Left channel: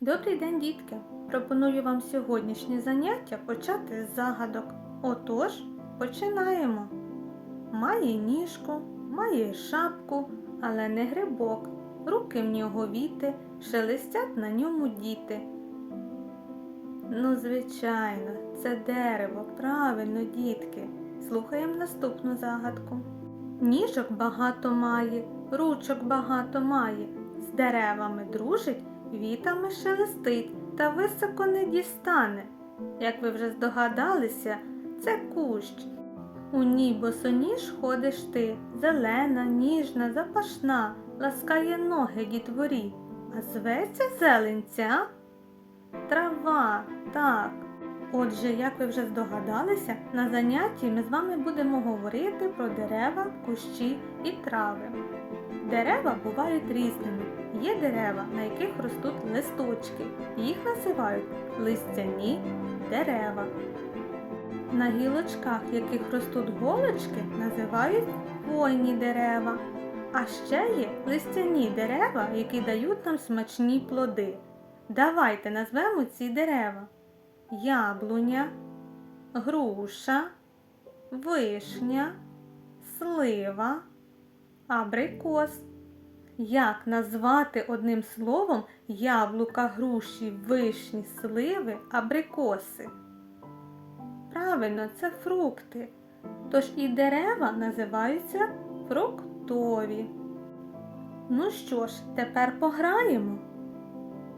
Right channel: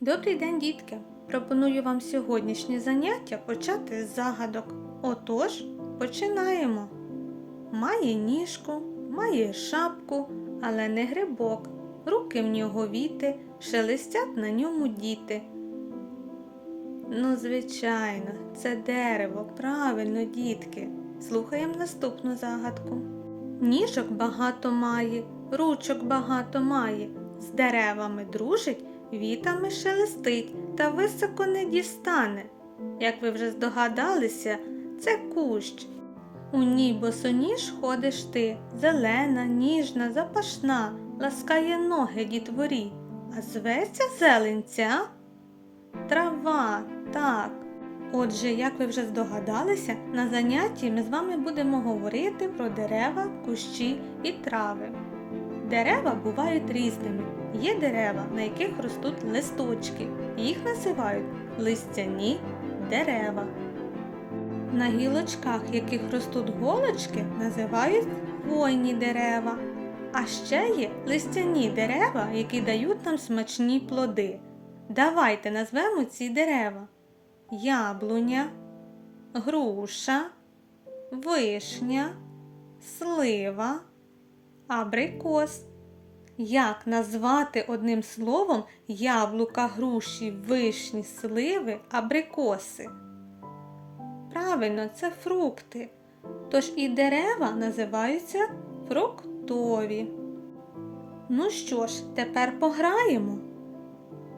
Добрий день, дітки! Пропоную вам сьогоднішнє заняття почати з загадок. Отож, починаємо. Має ніжку, має шапку, але не грибок. Руки в нього віти, шелестять на ньому діти. Ну, звичайно, це дерево, правильно, дітки. Слухаємо наступну загадку. Ніжок багато має, ручок багато має, з деревами дружить, вітами шелестить та високо не дістане. Як ви вже здогадалися, це кущ. У ній босоніж ходиш ти, зелена, ніжна, запашна, ласкає ноги дітворі, а зветься зеленця трава, так. Отже, як ви вже здогадалися, на занятті ми з вами будемо говорити про дерева, кущі і трави. Дерева бувають різними. Є дерева, на яких ростуть листочки. Їх називають листяні дерева. На гілочках, яких ростуть голочки, називають хвойні дерева. А ще є листяні дерева, які дають нам смачні плоди. Давайте назвемо ці дерева яблуня, груша, вишня, слива, абрикос. Як назвати одним словом яблука, груші, вишні, сливи, абрикоси? Правильно, це фрукти. Тож і дерева називаються фруктові. Ну що ж, тепер пограємо.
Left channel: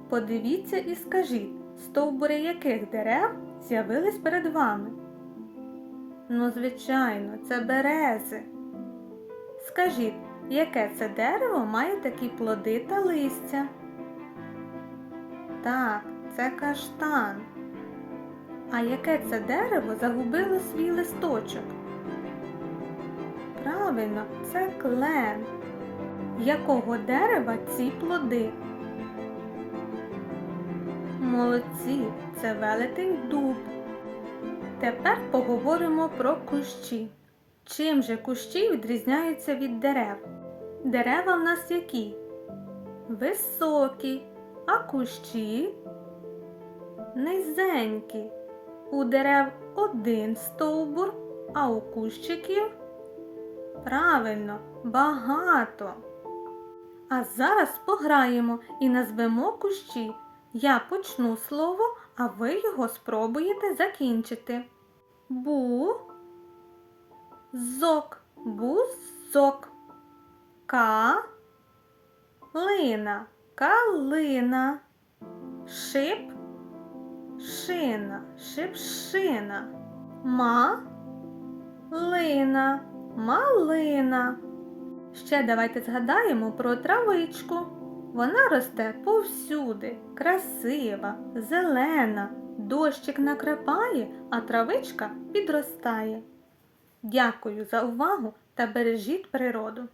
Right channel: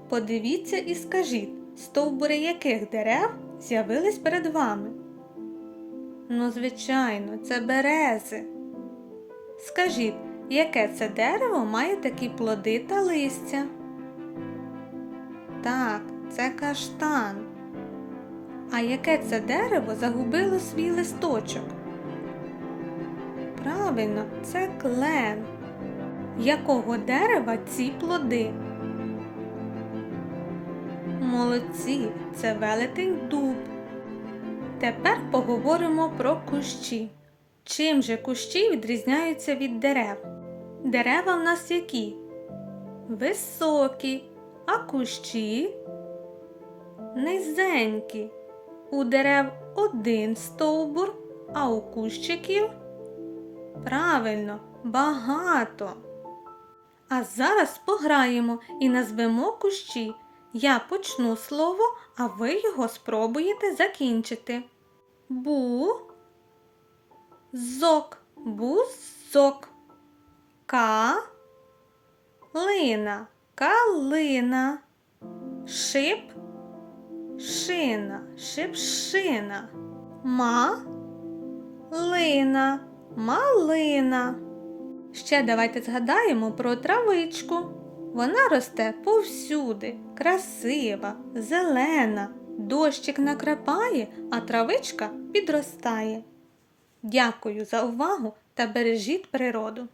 Подивіться і скажіть, стовбури яких дерев з'явились перед вами? Ну, звичайно, це берези. Скажіть, яке це дерево має такі плоди та листя? Так, це каштан. А яке це дерево загубило свій листочок? Правильно, це клен. Якого дерева ці плоди? Молодці, це велетень дуб. Тепер поговоримо про кущі. Чим же кущі відрізняються від дерев? Дерева в нас які? Високі, а кущі низенькі. У дерев один стовбур, а у кущиків правильно багато. А зараз пограємо і назвемо кущі. Я почну слово, а ви його спробуєте закінчити. Бу, зок, бузок, ка, лина, калина, шип, шина, шипшина, ма, лина, малина. Ще давайте згадаємо про травичку. Вона росте повсюди, красива, зелена, дощик накрапає, а травичка підростає. Дякую за увагу та бережіть природу.